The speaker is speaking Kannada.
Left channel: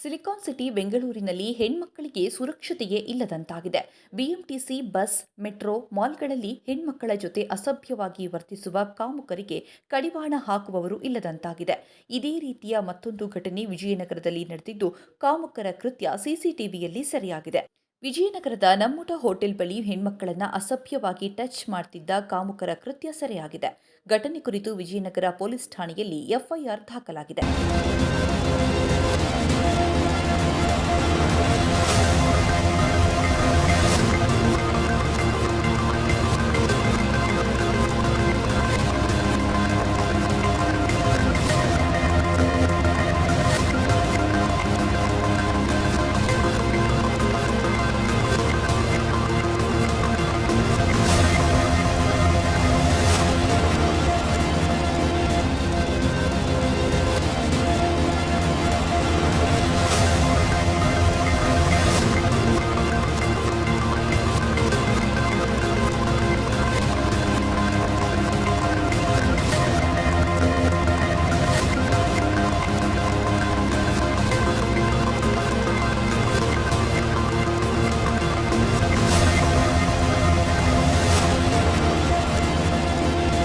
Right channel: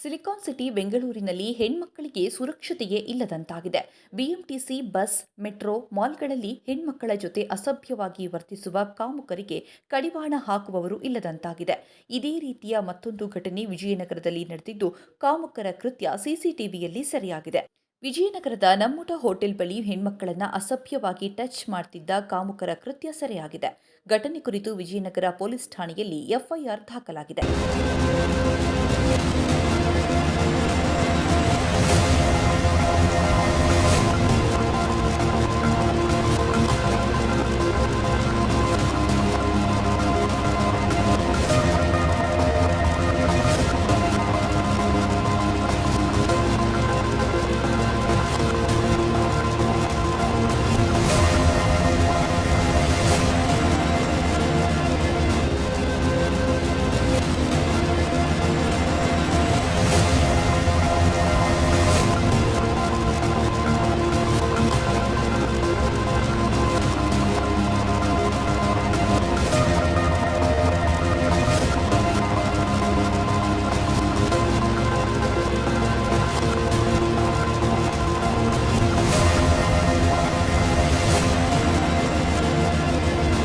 ಸಿಲಿಕಾನ್ ಸಿಟಿ ಬೆಂಗಳೂರಿನಲ್ಲಿ ಹೆಣ್ಮಕ್ಕಳಿಗೆ ಸುರಕ್ಷತೆಯೇ ಇಲ್ಲದಂತಾಗಿದೆ. ಬಿಎಂಟಿಸಿ ಬಸ್, ಮೆಟ್ರೋ, ಮಾಲ್ಗಳಲ್ಲಿ ಹೆಣ್ಮಕ್ಕಳ ಜೊತೆ ಅಸಭ್ಯವಾಗಿ ವರ್ತಿಸುವ ಕಾಮುಕರಿಗೆ ಕಡಿವಾಣ ಹಾಕುವವರು ಇಲ್ಲದಂತಾಗಿದೆ. ಇದೇ ರೀತಿಯ ಮತ್ತೊಂದು ಘಟನೆ ವಿಜಯನಗರದಲ್ಲಿ ನಡೆದಿದ್ದು, ಕಾಮುಕರ ಕೃತ್ಯ ಸಿಸಿಟಿವಿಯಲ್ಲಿ ಸೆರೆಯಾಗಿದೆ. ವಿಜಯನಗರದ ನಮ್ಮೂಟ ಹೋಟೆಲ್ ಬಳಿ ಹೆಣ್ಮಕ್ಕಳನ್ನ ಅಸಭ್ಯವಾಗಿ ಟಚ್ ಮಾಡ್ತಿದ್ದ ಕಾಮುಕರ ಕೃತ್ಯ ಸೆರೆಯಾಗಿದೆ. ಘಟನೆ ಕುರಿತು ವಿಜಯನಗರ ಪೊಲೀಸ್ ಠಾಣೆಯಲ್ಲಿ ಎಫ್ಐಆರ್ ದಾಖಲಾಗಿದೆ.